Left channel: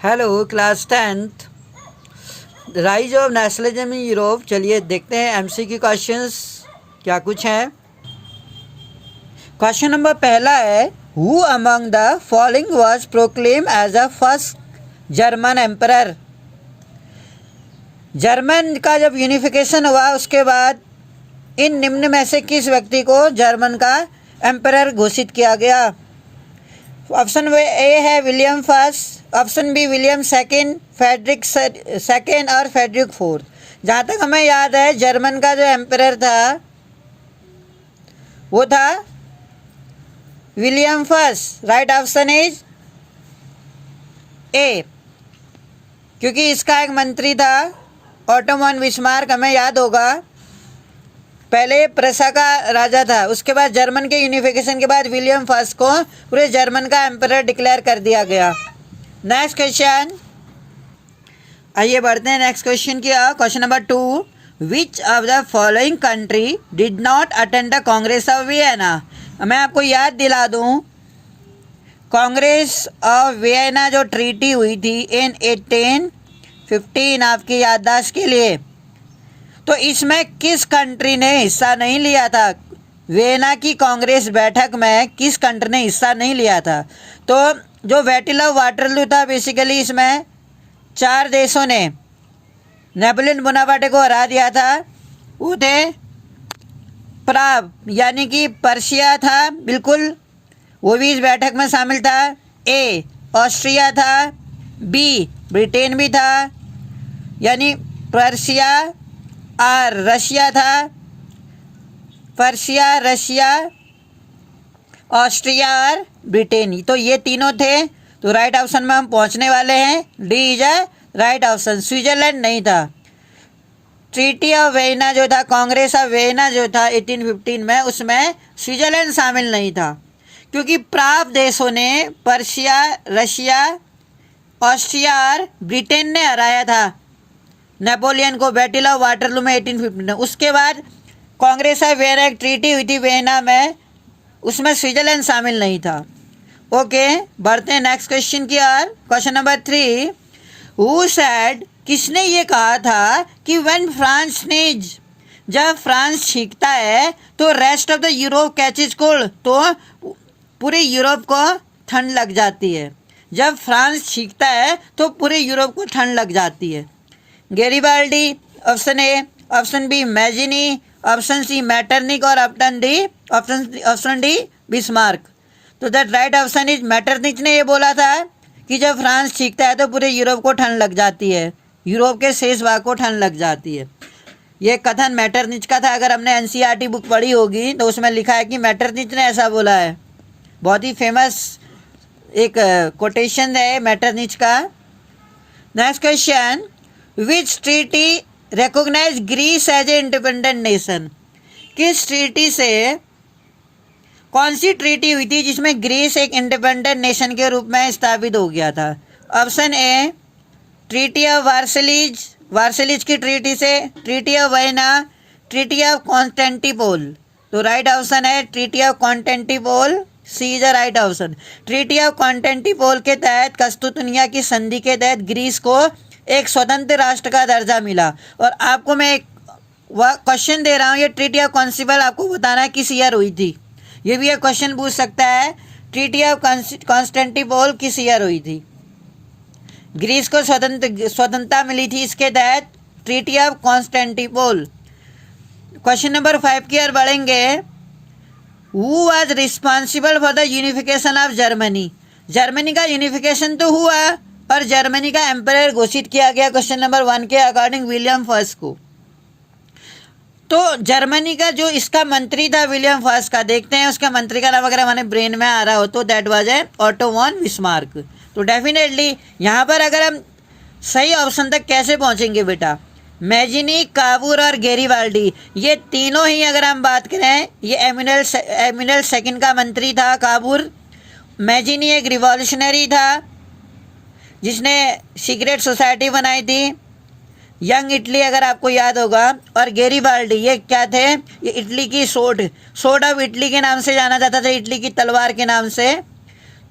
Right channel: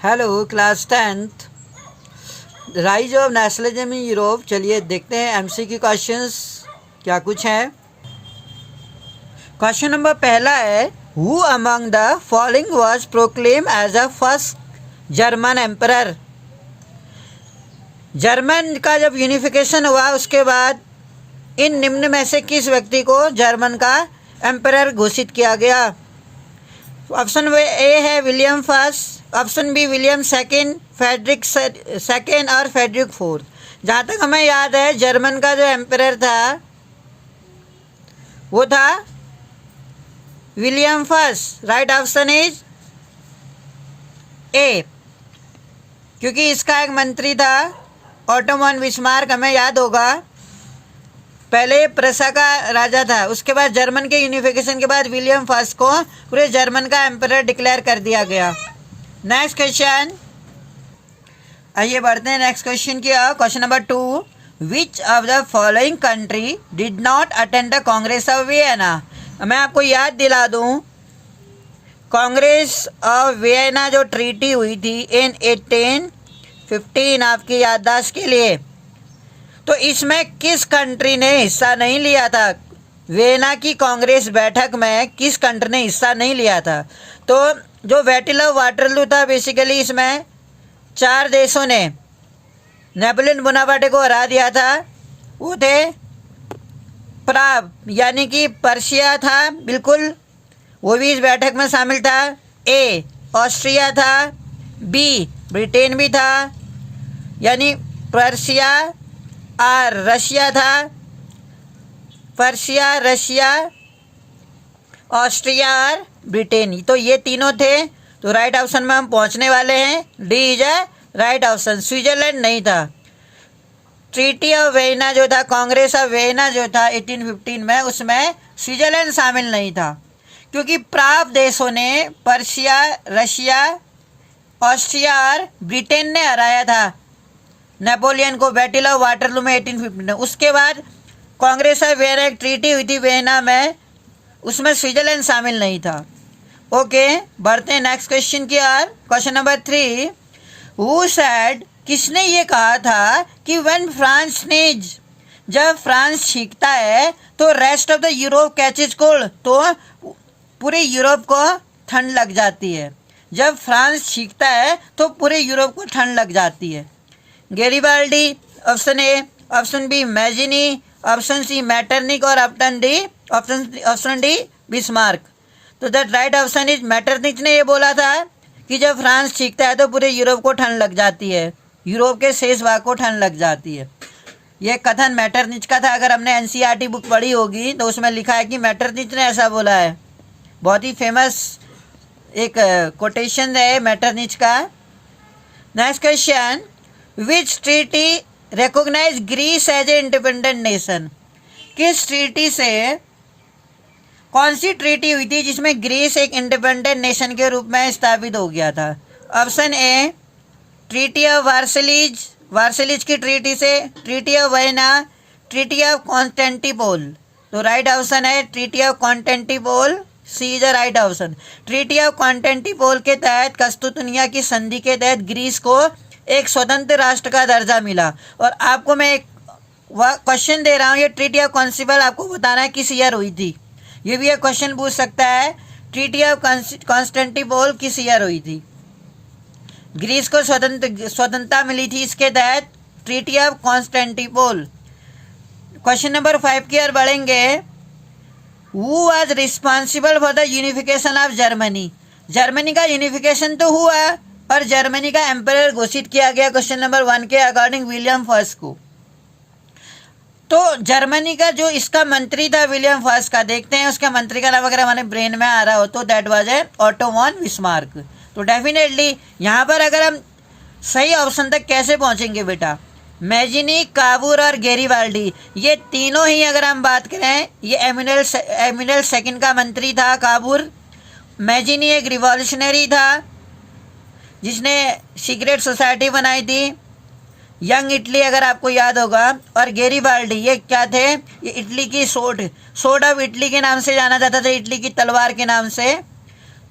Hello class 10th rise of nationalism in Europe. चलिए देखते हैं एमसीक्यू क्वेश्चंस क्या कुछ हैं। क्वेश्चन नंबर पहला है, who among the following was proclaim as a first German emperor. German का जब यूनिफिकेशन हुआ उसके बाद इन निम्न में से किस व्यक्ति को जर्मन का एम्परर घोषित किया गया। ऑप्शन ए है William first, option B William second, Frederick second और फेडरिक फोर्थ। जहाँ तक हमें याद है जर्मन का जो एम्परर था वो था William first. Right option is a, क्योंकि इसका एक मंत्री था ऑटो वन बिस्मार्क, हमें याद होगा पहले प्रसा का राजा था, उसके बाद जर्मन के यूनिफिकेशन के बाद विलियम फर्स्ट को पूरे जर्मन का एम्परर डिक्लेयर कर दिया गया। नेक्स्ट क्वेश्चन, आइए बढ़ते हैं नेक्स्ट क्वेश्चन की। Question number 2, which of the following country did not attend the Congress of Vienna. मैं आपको याद दिला दूं, कांग्रेस ऑफ वियना जो ट्रीटी हुई थी इन 1815, आपकी याददाश्त के लिए, तो इसमें किस कंट्री ने हिस्सा नहीं लिया था। वियना की कांग्रेस बैठक में किस कंट्री ने हिस्सा नहीं लिया था। तो जो बैटल ऑफ वाटरलू था बेसिकली इसमें 4 देशों ने नेपोलियन बोनापार्टे को हरा दिया था। वो थे प्राग यानी कि पर्शिया था, बिल्कुल वो भी इस बैठक में शामिल था। ए ऑस्ट्रिया था, बी ब्रिटेन भी था यानी पर्शिया, और रशिया था, पर्शिया, रशिया, ऑस्ट्रिया और ब्रिटेन। तो ये तीनों थे। तो राइट ऑप्शन में हम पहुंचने वाले हैं, D is a right option. Switzerland नहीं था। ट्रीटी ऑफ वियना जो था, कांग्रेस ऑफ वियना जो था 1815 में, उसमें स्विट्जरलैंड शामिल नहीं था, क्योंकि प्राग देशों ने पर्शिया, रशिया, ऑस्ट्रिया और ब्रिटेन ने हराया था नेपोलियन को बैटल ऑफ वाटरलू में 1815 में। उसके बाद कांग्रेस ऑफ वियना एक ट्रीटी हुई थी वियना में, उसमें स्विट्जरलैंड शामिल नहीं था। ओके, बढ़ते हैं नेक्स्ट क्वेश्चन की ओर। क्वेश्चन नंबर 3, हु सेड, किसने ये कहा था कि व्हेन फ्रांस स्नीज, जब फ्रांस छींकता है तो rest of the Europe catches cold, तो पूरे यूरोप को ठंड लग जाती है। जब फ्रांस छींकता है तो पूरे यूरोप को ठंड लग जाती है। Garibaldi option A, option B Mazzini, option C Metternich और ऑप्शन डी बिस्मार्क। तो that right option is Metternich ने ये बोला था कि जब फ्रांस छींकता है तो पूरे यूरोप को ठंड लग जाती है, यूरोप के शेष भाग को ठंड लग जाती है। ये कथन मैटरनिच का था। अगर हमने एनसीईआरटी बुक पढ़ी होगी तो उसमें लिखा है कि मैटरनिच ने ऐसा बोला है। बहुत ही फेमस एक कोटेशन है मैटरनिच का। Next question, which treaty recognise Greece as a independent nation. किस ट्रीटी से, कौन सी ट्रीटी हुई थी जिसमें ग्रीस एक इंडिपेंडेंट नेशन के रूप में स्थापित हो गया था। Option A treaty of Versailles, Versailles की ट्रीटी से, treaty of Vienna, treaty of Constantinople. तो राइट ऑप्शन है treaty of Constantinople, C is the right option. Treaty of Constantinople के तहत कस्तूतनिया की संधि के तहत ग्रीस को एक स्वतंत्र राष्ट्र का दर्जा मिला। और आपको मैं एक क्वेश्चन दे रहा हूँ, ये ट्रीटी ऑफ कॉन्स्टिपल आपको बताना है किस ईयर हुई थी। ये भी एक क्वेश्चन पूछ सकता है, ट्रीटी ऑफ कॉन्स्टेंटिनोपल किस ईयर हुई थी। ग्रीस को स्वतंत्रता मिली थी इसके तहत, treaty of Constantinople. Question number 5 की ओर बढ़ेंगे। Who was responsible for the unification of Germany. Germany का यूनिफिकेशन तो हुआ और जर्मनी का एम्परर घोषित किया गया क्वेश्चन नंबर 1 के अकॉर्डिंग विलियम फर्स्ट को। तो जर्मनी का जो इसका मंत्री था विलियम फर्स्ट का, देखते हैं उसका मंत्री का नाम अगर हमारे ब्रेन में आ रहा हो तो that was a auto von Bismarck. तो डेफिनेटली यहाँ पर अगर हम सही ऑप्शन तक कैसे पहुँचेंगे बेटा, मैजिनी, काबूर और गैरिबाल्डी, ये तीनों ही अगर हम बात करें, ये एमिनल सेकंड का मंत्री था काबूर। मैजिनी एक रिवॉल्यूशनरी था जिसने सीक्रेट सोसाइटी बनाई थी, यंग इटली अगर आपको याद होगा। और गैरिबाल्डी ये क्या थे, ये इटली की सोड ऑफ इटली के नाम से जाना जाता था, इटली की तलवार के नाम से।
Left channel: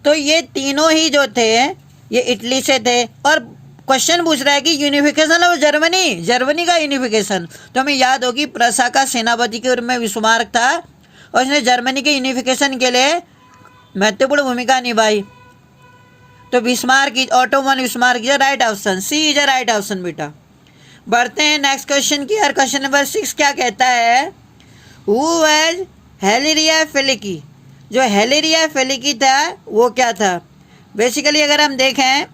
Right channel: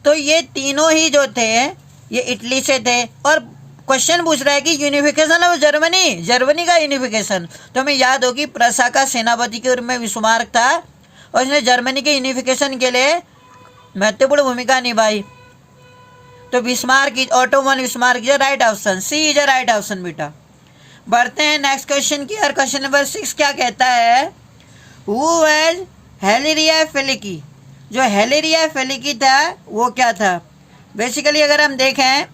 तो ये तीनों ही जो थे ये इटली से थे। और क्वेश्चन पूछ रहा है कि यूनिफिकेशन ऑफ जर्मनी, जर्मनी का यूनिफिकेशन। तो हमें याद होगी प्रसा का सेनापति के रूप में बिस्मार्क था और इसने जर्मनी के यूनिफिकेशन के लिए महत्वपूर्ण भूमिका निभाई। तो Bismarck is Ottoman Bismarck is right option, C is right option बेटा। बढ़ते हैं नेक्स्ट क्वेश्चन की। और क्वेश्चन नंबर 6 क्या कहता है, हु वाज हेलेरिया फेलिकी। जो हेलेरिया फेलिकी था वो क्या था? बेसिकली अगर हम देखें,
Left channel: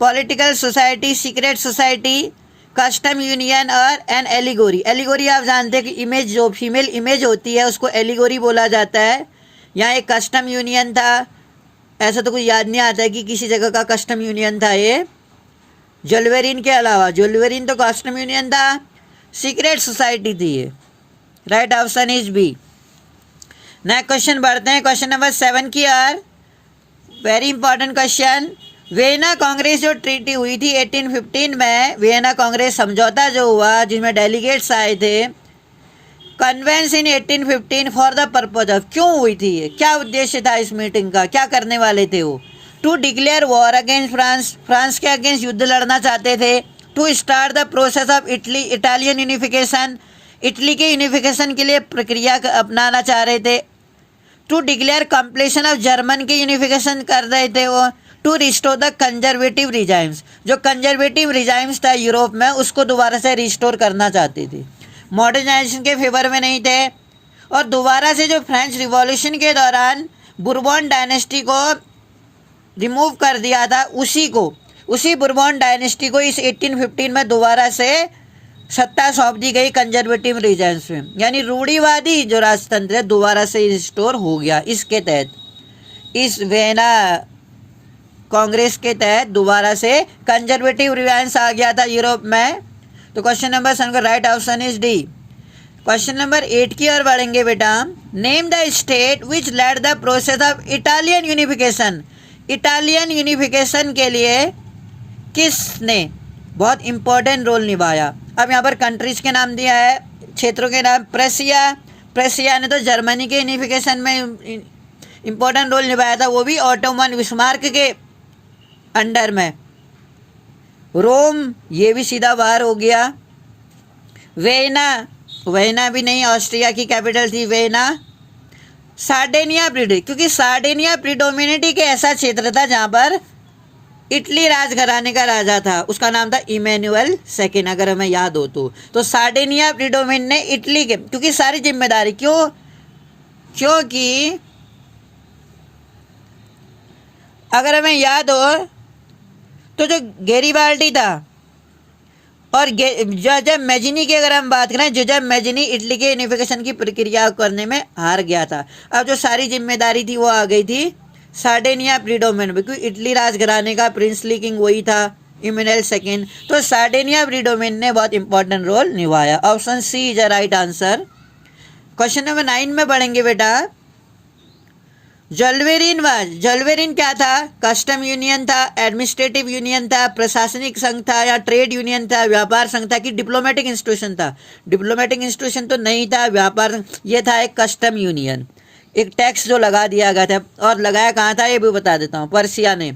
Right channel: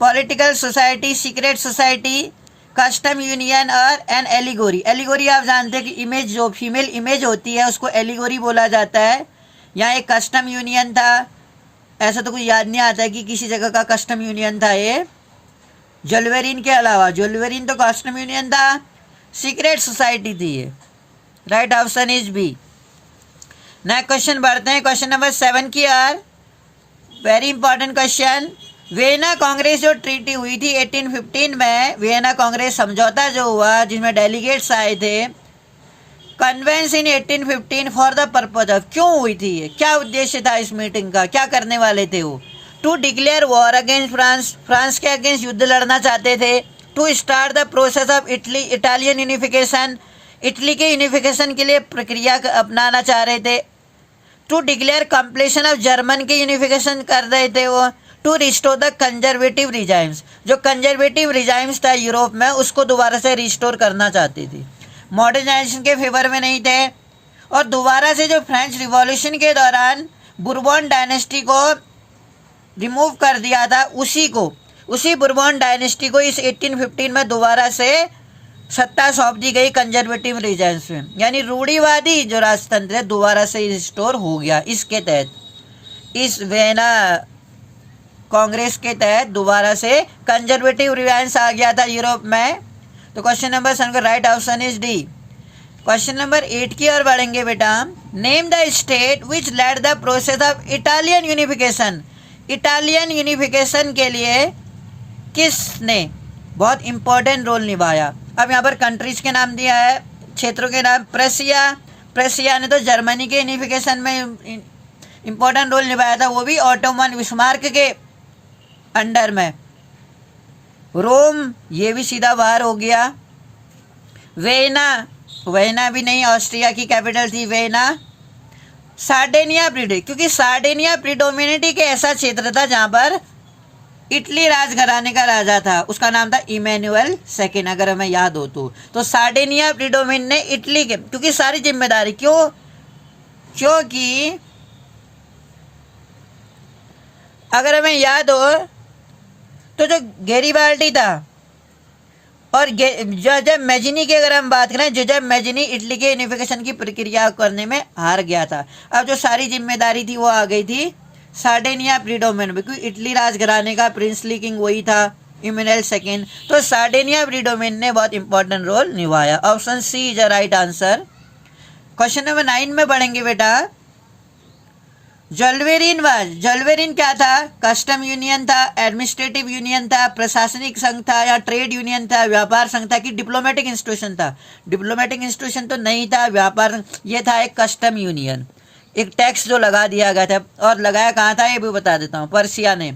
political society, secret society, custom union और एन एलिगोरी। एलिगोरी आप जानते हैं कि इमेज, जो फीमेल इमेज होती है उसको एलिगोरी बोला जाता है। यहाँ एक कस्टम यूनियन था, ऐसा तो कुछ याद नहीं आता है कि किसी जगह का कस्टम यूनियन था ये, ज्वेलवेरिन के अलावा। ज्वेलवेरिन तो कस्टम यूनियन था, सीक्रेट सोसाइटी थी ये। Right option is B. Next question बढ़ते हैं क्वेश्चन नंबर 7 की ओर। Very important question. Vienna Congress जो ट्रीटी हुई थी 1815 में, वियना कांग्रेस समझौता जो हुआ जिसमें डेलीगेट्स आए थे, convenes in 1815 for the purpose of, क्यों हुई थी ये, क्या उद्देश्य था इस मीटिंग का, क्या करने वाले थे वो? To declare war against France, France के अगेंस्ट युद्ध लड़ना चाहते थे। To start the process of Italy, Italian unification, Italy के यूनिफिकेशन के लिए प्रक्रिया अपनाना चाह रहे थे। To declare completion of German के यूनिफिकेशन कर रहे थे वो। To restore the conservative regimes, जो कंजर्वेटिव रिजाइम्स था यूरोप में उसको दोबारा से रिस्टोर करना चाहती थी, मॉडर्नाइजेशन के फेवर में नहीं थे। और दोबारा से जो फ्रेंच रिवॉल्यूशन के दौरान बुरबॉन डायनेस्टी को रिमूव कर दिया था, उसी बुरबॉन डायनेस्टी को इस 1815 में दोबारा से सत्ता सौंप दी गई कंजर्वेटिव रीजन्स में, यानी रूढ़िवादी जो राजतंत्र है दोबारा से रिस्टोर हो गया। इसके तहत, इस वियना कांग्रेस के तहत दोबारा से कंजर्वेटिव रिजाइंस आ गया था यूरोप में। तो क्वेश्चन नंबर 7 का right option is D. Question number 8 की ओर बढ़ेंगे बेटा। Name the state which lead the process of Italian unification. Italian unification के लिए किसने बहुत इंपॉर्टेंट रोल निभाया? अब यहाँ पर कंट्रीज के नाम दिया है, क्षेत्रों के नाम। प्रेसिया ने तो जर्मनी के यूनिफिकेशन में इंपॉर्टेंट रोल निभाया था, वो भी ऑटोमन बिस्मार्क के अंडर में। रोम, ये भी सीधा बाहर हो गया। वेना भी नहीं, ऑस्ट्रिया की कैपिटल थी वेना। सार्डेनिया क्योंकि सार्डेनिया प्रिडोमिनेट एक ऐसा क्षेत्र था जहां पर इटली राजघराने का राजा था, उसका नाम था इमैनुअल सेकेंड, अगर हमें याद हो तो सार्डेनिया प्रिडोमिनेट ने इटली के, क्योंकि सारी जिम्मेदारी क्योंकि अगर हमें याद हो तो जो गैरिबाल्डी था और जोजेफ मैजिनी की अगर हम बात करें, जोजेफ मैजिनी इटली के यूनिफिकेशन की प्रक्रिया करने में हार गया था। अब जो सारी जिम्मेदारी थी वो आ गई थी सार्डेनिया प्रिडोमिनेट, क्योंकि इटली राजघराने का प्रिंसली किंग वही था, इमैनुअल सेकेंड। तो सार्डेनिया प्रिडोमिनेट ने बहुत इंपॉर्टेंट रोल निभाया। Option C is a right answer. Question number 9 में बढ़ेंगे बेटा। ज्वेलवेरिन क्या था? कस्टम यूनियन था, एडमिनिस्ट्रेटिव यूनियन था, प्रशासनिक संघ था, या ट्रेड यूनियन था, व्यापार संघ था, कि डिप्लोमेटिक इंस्टीट्यूशन था? डिप्लोमेटिक इंस्टीट्यूशन तो नहीं था, व्यापार, ये था एक कस्टम यूनियन, एक टैक्स जो लगा दिया गया था। और लगाया कहाँ था ये भी बता देता हूँ, पर्सिया ने।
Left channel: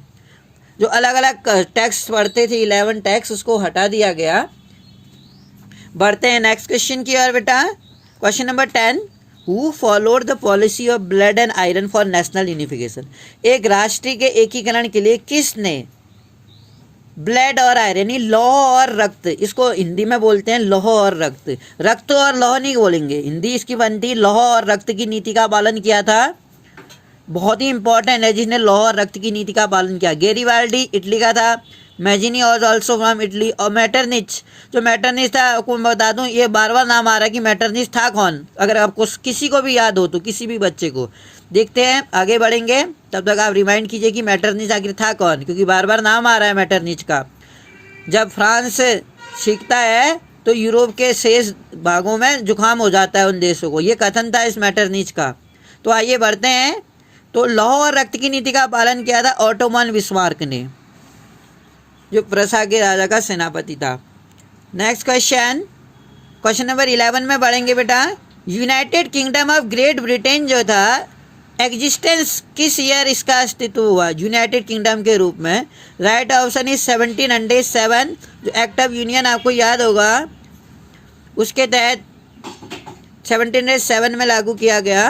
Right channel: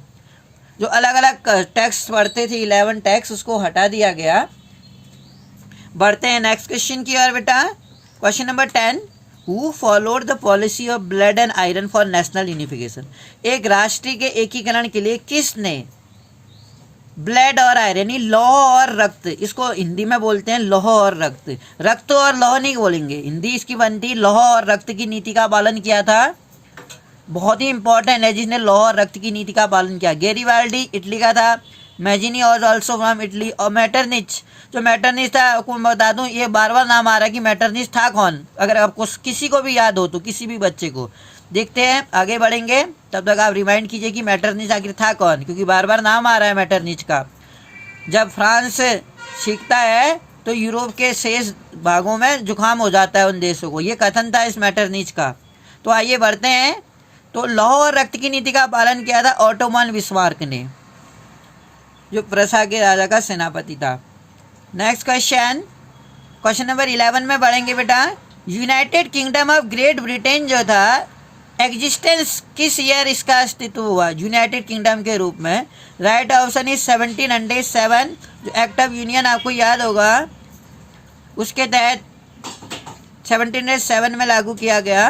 जो अलग अलग टैक्स पड़ते थे 11 टैक्स, उसको हटा दिया गया। बढ़ते हैं नेक्स्ट क्वेश्चन की ओर बेटा। Question number 10। Who followed the policy of blood and iron for national unification. एक राष्ट्र के एकीकरण के लिए किसने ब्लड और आयरन, यानी लौह और रक्त, इसको हिंदी में बोलते हैं लौह और रक्त, रक्त और लौह नहीं बोलेंगे, हिंदी इसकी बनती लौह और रक्त की नीति का पालन किया था। बहुत ही इंपॉर्टेंट है जिसने लौह और रक्त की नीति का पालन किया। गैरिबाल्डी इटली का था, Mazzini was also from Italy, और मैटरनिच, जो मैटरनिच था आपको मैं बता दूं, ये बार बार नाम आ रहा है कि मैटरनिच था कौन, अगर आपको किसी को भी याद हो तो, किसी भी बच्चे को। देखते हैं आगे बढ़ेंगे, तब तक आप रिमाइंड कीजिए कि मैटरनिच आखिर था कौन, क्योंकि बार बार नाम आ रहा है मैटरनिच का। जब फ्रांस सीखता है तो यूरोप के शेष भागों में जुकाम हो जाता है उन देशों को, ये कथन था इस मैटरनिच का। तो आइए बढ़ते हैं। तो लौह और रक्त की नीति का पालन किया था ऑटोमन बिस्मार्क ने, जो प्रसा के राजा का सेनापति था। नेक्स्ट क्वेश्चन नंबर 11 में बढ़ेंगे बेटा। United kingdom of great Britain जो था एग्जिस्टेंस किस ईयर इसका अस्तित्व हुआ यूनाइटेड किंगडम के रूप में? Right option is 1707। जो एक्ट ऑफ यूनियन आपको याद होगा उसके तहत 1707 में लागू किया गया।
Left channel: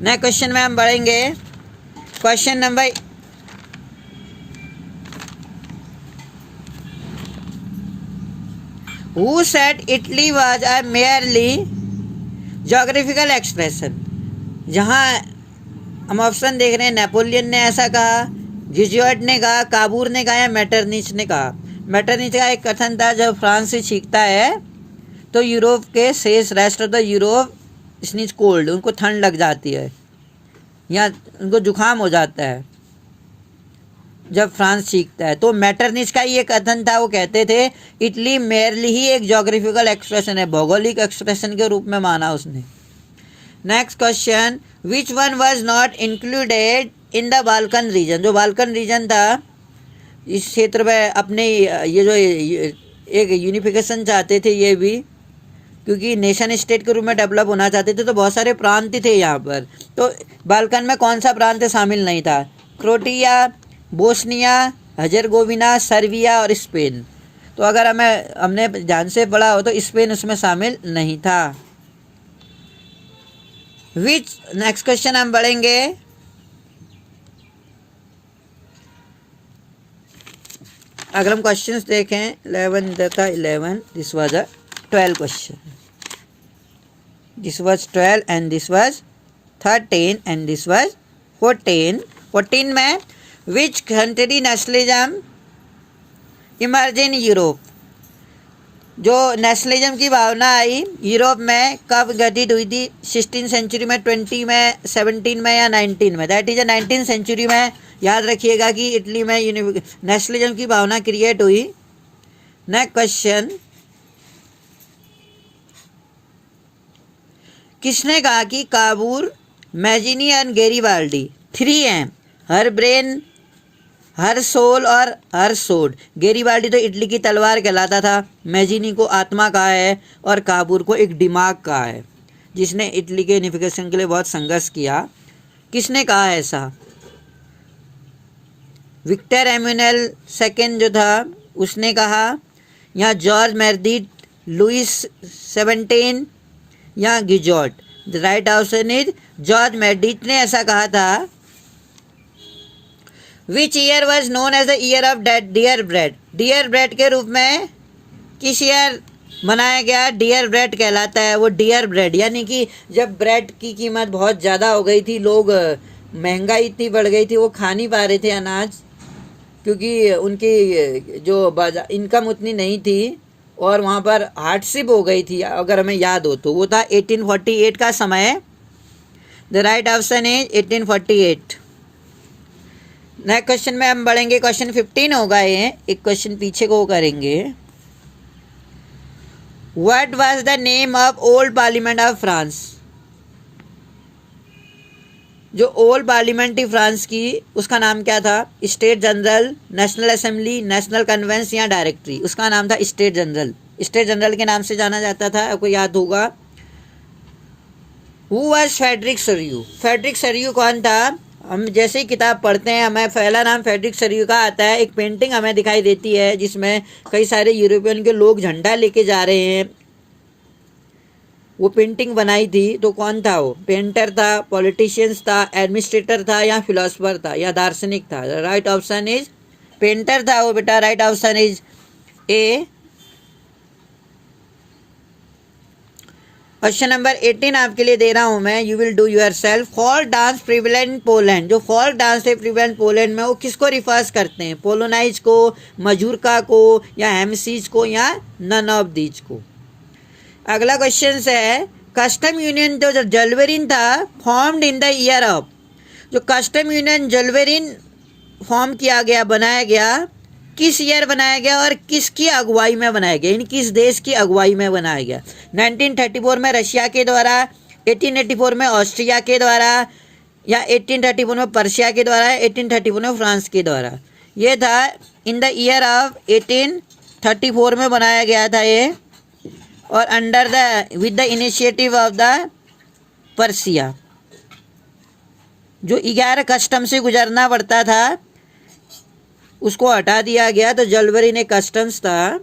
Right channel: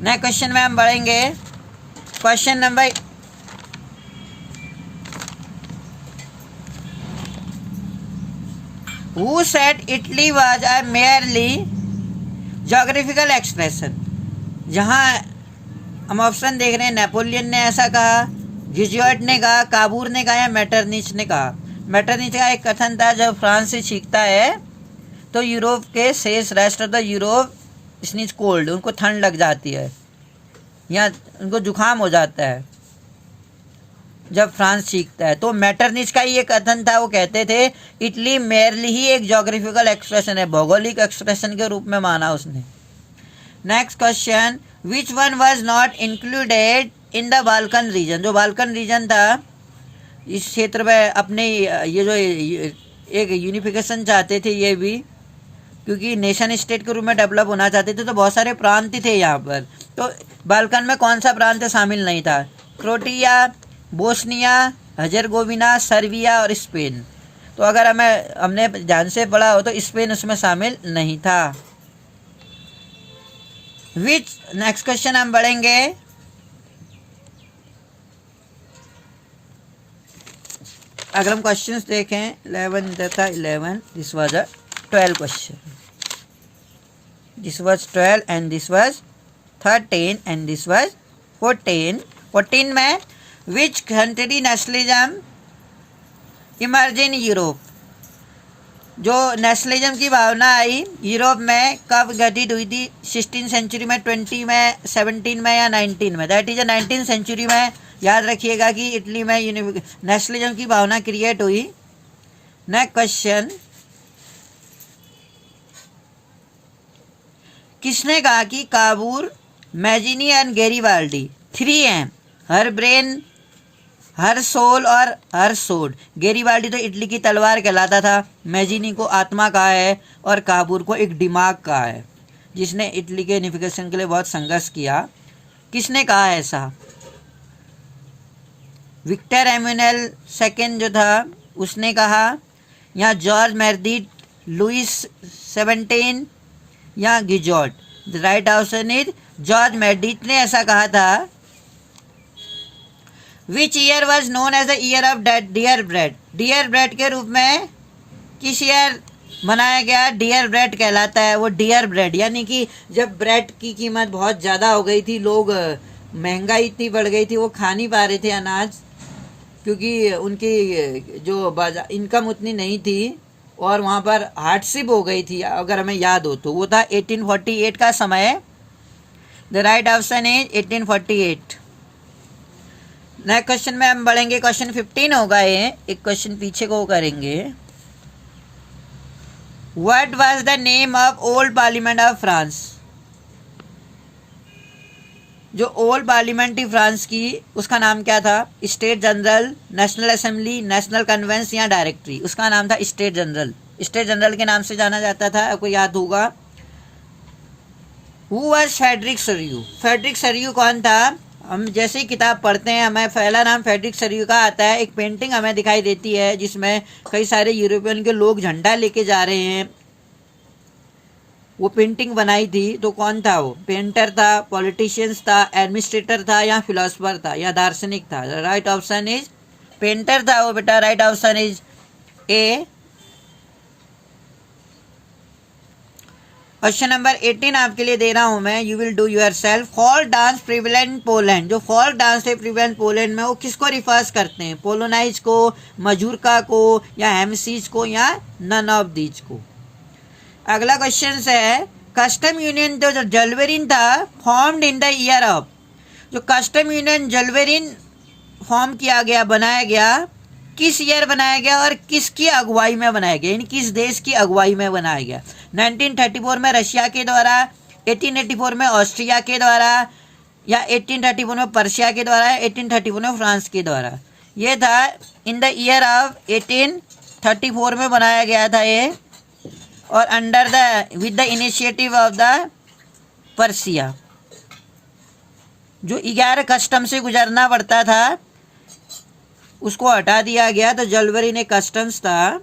नेक्स्ट क्वेश्चन में हम बढ़ेंगे। Question number Who said Italy was a merely geographical expression? जहाँ हम ऑप्शन देख रहे हैं, नेपोलियन ने ऐसा कहा, जिजुएट ने कहा, काबूर ने कहा या मेटरनिच ने कहा। मेटरनिच का एक कथन था, जब फ्रांस से छींकता है तो यूरोप के शेष rest of the Europe sneeze cold, उनको ठंड लग जाती है या उनको जुकाम हो जाता है जब फ्रांस सीखता है। तो मेटरनिच का ये कथन था, वो कहते थे इटली मेरली ही एक जोग्राफिकल एक्सप्रेशन है, भौगोलिक एक्सप्रेशन के रूप में माना उसने। Next question, which one was not included in the Balkan reason? जो बाल्कन रीजन था, इस क्षेत्र में अपने ये जो एक यूनिफिकेशन चाहते थे ये भी, क्योंकि नेशन स्टेट के रूप में डेवलप होना चाहते थे, तो बहुत सारे प्रांत थे यहाँ पर। तो बाल्कन में कौन सा प्रांत शामिल नहीं था? क्रोटिया, बोस्निया, हर्जेगोविना, सर्बिया और स्पेन। तो अगर हमने ध्यान से पढ़ा हो तो स्पेन उसमें शामिल नहीं था। नेक्स्ट क्वेश्चन हम बढ़ेंगे। अगर हम क्वेश्चंस देखें 11 तथा 11, this was a 12 question, this was 12 and this was 13 and this was 14 में which country nationalism emerge in Europe? जो नेशनलिज्म की भावना आई यूरोप में कब घटित हुई थी? 16th सेंचुरी में, 20 में, 17 में या 19 में? दैट इज 19th सेंचुरी में। याद रखिएगा कि इटली में नेशनलिज्म की भावना क्रिएट हुई। नेक्स्ट क्वेश्चन, किसने कहा कि काबूर, मैजिनी एंड गैरीबाल्डी 3 हैं? हर ब्रेन, हर सोल और हर सोड। गैरीबाल्डी तो इटली की तलवार कहलाता था, मैजिनी को आत्मा कहा है और काबूर को एक दिमाग कहा है, जिसने इटली के यूनिफिकेशन के लिए बहुत संघर्ष किया। किसने कहा ऐसा? विक्टर एम्यूनल सेकेंड जो था उसने कहा, या जॉर्ज मेर्डिट, लुइस 17 या Guizot? The right option is George Meredith ने ऐसा कहा था। Which year was known as the year of dear bread? Dear bread के रूप में किस ईयर मनाया गया? डियर ब्रेड कहलाता है वो। डियर ब्रेड यानी कि जब ब्रेड की कीमत बहुत ज़्यादा हो गई थी, लोग, महंगाई इतनी बढ़ गई थी, वो खा नहीं पा रहे थे अनाज, क्योंकि उनकी जो बाजार इनकम उतनी नहीं थी और वहाँ पर हार्डशिप हो गई थी। अगर हमें याद हो तो वो था 1848 का समय। The right option is 1848। Next question में हम बढ़ेंगे। क्वेश्चन 15 होगा ये, एक क्वेश्चन पीछे को करेंगे। What was the name of old parliament of France? जो ओल्ड पार्लियामेंट थी फ्रांस की, उसका नाम क्या था? State general, national assembly, national convention या डायरेक्टरी? उसका नाम था स्टेट जनरल। स्टेट जनरल के नाम से जाना जाता था, आपको याद होगा। Who was Frederick Sorrieu? Frederick Sorrieu कौन था? हम जैसे ही किताब पढ़ते हैं हमें पहला नाम फ्रेडरिक सरियू का आता है। एक पेंटिंग हमें दिखाई देती है जिसमें कई सारे यूरोपियन के लोग झंडा लेके जा रहे हैं, वो पेंटिंग बनाई थी। तो कौन था वो? पेंटर था, पॉलिटिशियंस था, एडमिनिस्ट्रेटर था या फिलोसफर था या दार्शनिक था? राइट ऑप्शन इज पेंटर था वो बेटा। Right option is a. Question number 18 आपके लिए दे रहा हूं मैं, you will do your self. Folk dance prevalent Poland, जो फोल्क डांस है प्रिवेलेंट पोलैंड में, वो किसको रिफर्स करते हैं? पोलोनाइज को, मजूरका को या हेमसीज को या नन ऑफ दीज को? अगला क्वेश्चन है, कस्टम यूनियन जो जलवेरिन था formed in the year of? जो कस्टम यूनियन जलवेरिन फॉर्म किया गया, बनाया गया, किस ईयर बनाया गया और किसकी अगुवाई में बनाया गया, यानी किस देश की अगुवाई में बनाया गया? 1934 में रशिया के द्वारा, 1884 में ऑस्ट्रिया के द्वारा या 1834 में पर्शिया के द्वारा, 1834 में फ्रांस के द्वारा? ये था इन द ईयर ऑफ 1834 में बनाया गया था ये, और under the with the initiative of the Persia. जो 11 कस्टम से गुजरना पड़ता था उसको हटा दिया गया, तो जलवरी ने कस्टम्स था।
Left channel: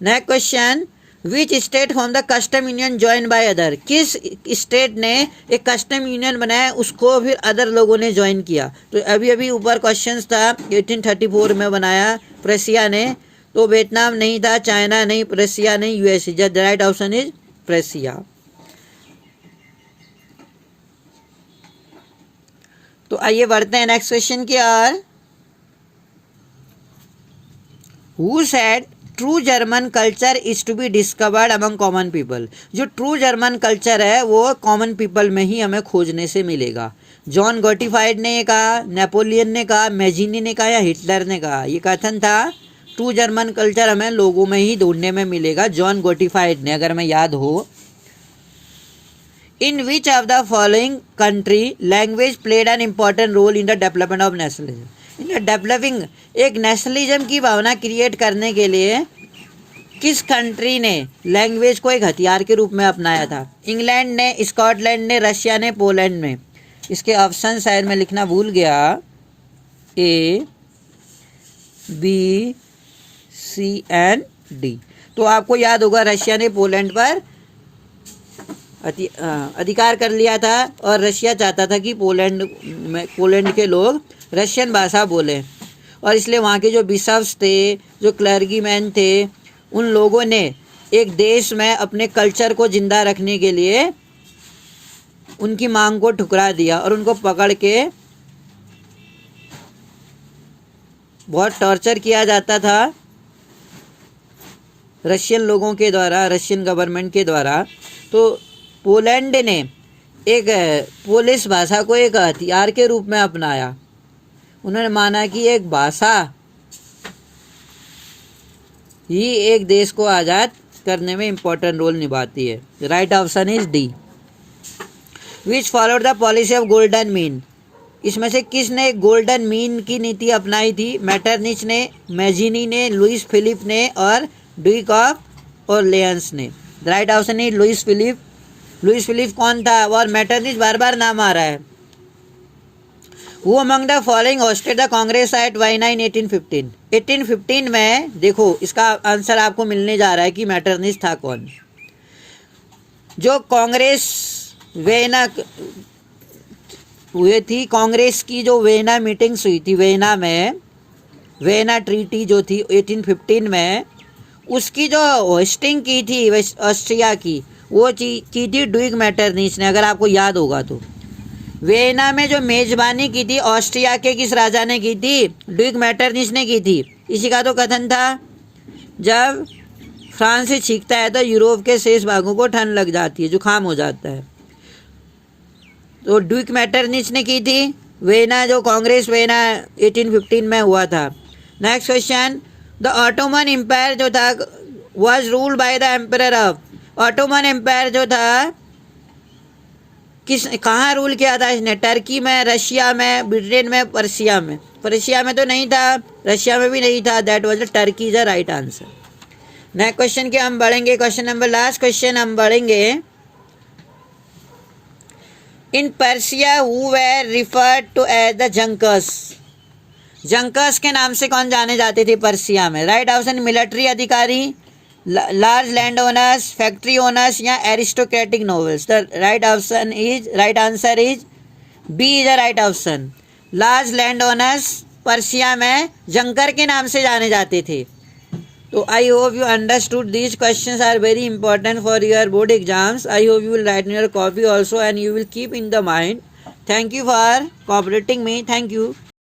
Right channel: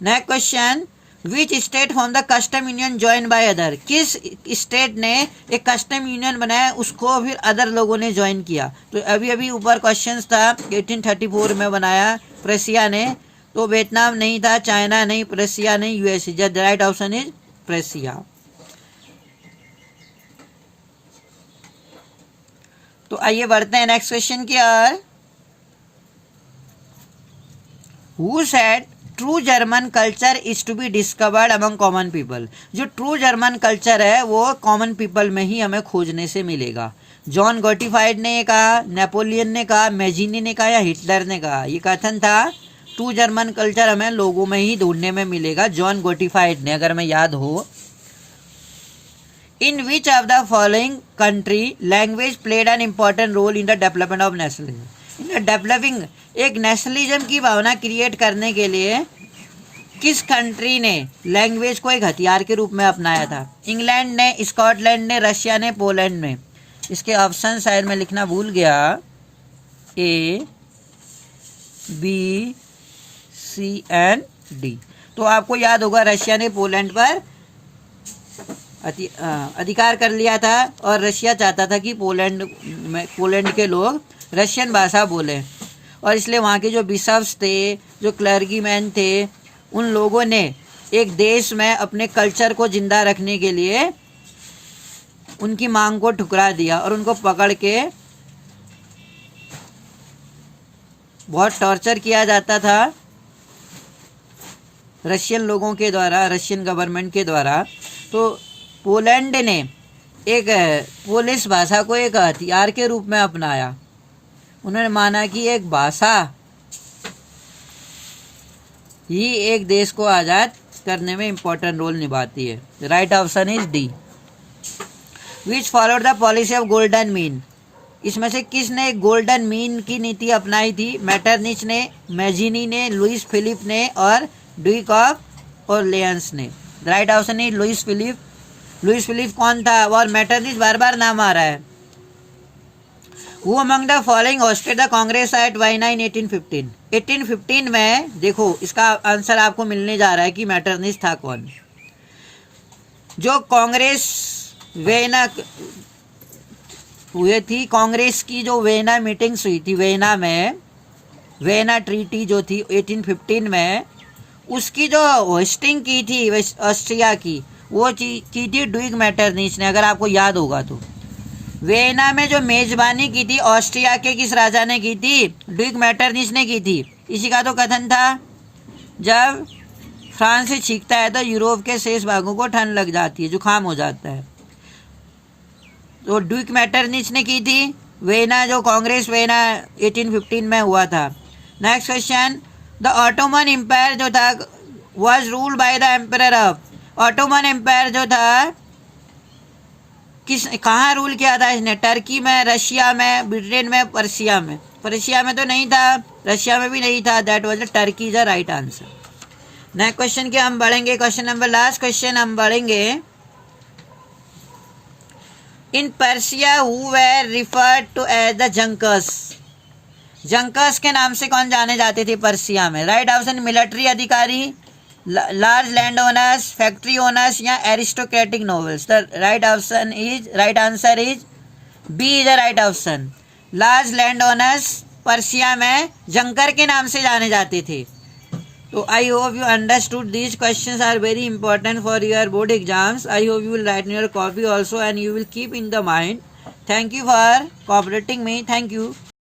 Next question, which state form the custom union join by other, किस स्टेट ने एक कस्टम यूनियन बनाया उसको फिर अदर लोगों ने ज्वाइन किया। तो अभी अभी ऊपर क्वेश्चन था 1834 में बनाया प्रेसिया ने, तो वियतनाम नहीं था, चाइना नहीं, प्रेसिया नहीं, USA. The right option is Prussia. तो आइए बढ़ते हैं नेक्स्ट क्वेश्चन की ओर। Who said true German culture is to be discovered among common people, जो ट्रू जर्मन कल्चर है वो कॉमन पीपल में ही हमें खोजने से मिलेगा। जॉन गोटिफाइड ने ये कहा, नेपोलियन ने कहा, मैजिनी ने कहा या हिटलर ने कहा? ये कथन था ट्रू जर्मन कल्चर हमें लोगों में ही ढूंढने में मिलेगा, जॉन गोटिफाइड ने, अगर मैं याद हो। In which of the following country language played an important role in the development of nationalism, in developing एक नेशनलिज्म की भावना क्रिएट करने के लिए किस कंट्री ने लैंग्वेज को एक हथियार के रूप में अपनाया था? इंग्लैंड ने, स्कॉटलैंड ने, रशिया ने, पोलैंड ने। इसके ऑप्शन शायद मैं लिखना भूल गया, A B C and D. तो आपको याद होगा रशिया ने पोलैंड पर अधिकार कर लिया था और रशिया चाहता था कि पोलैंड के लोग रशियन भाषा बोलें, और इसलिए वहाँ के जो बिशप्स थे, जो क्लर्गीमैन थे, उन लोगों ने एक देश में अपने कल्चर को जिंदा रखने के लिए उनकी मांग को ठुकरा दिया और उनको पकड़ के बहुत टॉर्चर किया जाता था रशियन लोगों के द्वारा, रशियन गवर्नमेंट के द्वारा। तो पोलैंड ने एक पोलिश भाषा को एक हथियार के रूप में अपनाया। उन्होंने माना कि एक भाषा ही एक देश को आज़ाद करने में इम्पोर्टेंट रोल निभाती है। Right option is D. Which followed the policy of golden mean, इसमें से किसने गोल्डन मीन की नीति अपनाई थी? मैटरनिच ने, मैजिनी ने, लुइस फिलिप ने और ड्यूक ऑफ ऑरलियंस ने। Right option is Louis Philippe. Louis Philippe कौन था? और मैटरनिच बार बार नाम आ रहा है। Who among the following hosted the Congress at Vienna in 1815? 1815 में देखो इसका आंसर आपको मिलने जा रहा है कि मैटरनिच था कौन। जो कांग्रेस वियना हुए थी, कांग्रेस की जो वियना मीटिंग्स हुई थी वियना में, वियना ट्रीटी जो थी 1815 में, उसकी जो होस्टिंग की थी ऑस्ट्रिया की, वो की थी ड्यूक मैटरनिच ने, अगर आपको याद होगा तो। वियना में जो मेजबानी की थी ऑस्ट्रिया के किस राजा ने की थी? ड्यूक मैटरनिच ने की थी। इसी का तो कथन था जब फ्रांस से छींकता है तो यूरोप के शेष भागों को ठंड लग जाती है, जुकाम हो जाता है। तो ड्यूक मैटरनिच ने की थी वियना, जो कांग्रेस वियना 1815 में हुआ था। Next question, the Ottoman Empire जो था was ruled by the emperor of, Ottoman Empire जो था कहाँ रूल किया था इसने? टर्की में, रशिया में, ब्रिटेन में, पर्सिया में। पर्सिया में तो नहीं था, रशिया में भी नहीं था। That was the Turkey the right answer. Next question के हम बढ़ेंगे, क्वेश्चन नंबर लास्ट क्वेश्चन हम बढ़ेंगे। In Prussia who were referred to as the Junkers, Junkers के नाम से कौन जाने जाते थे पर्सिया में? राइट ऑप्शन मिलिट्री अधिकारी, large land owners, factory owners या aristocratic nobles. The right option is, right answer is B is the right option. Large land owners Prussia में जंकर के नाम से जाने जाते थे। तो I hope you understood these questions are very important for your board exams. I hope you will write in your copy also and you will keep in the mind. Thank you for cooperating me. Thank you.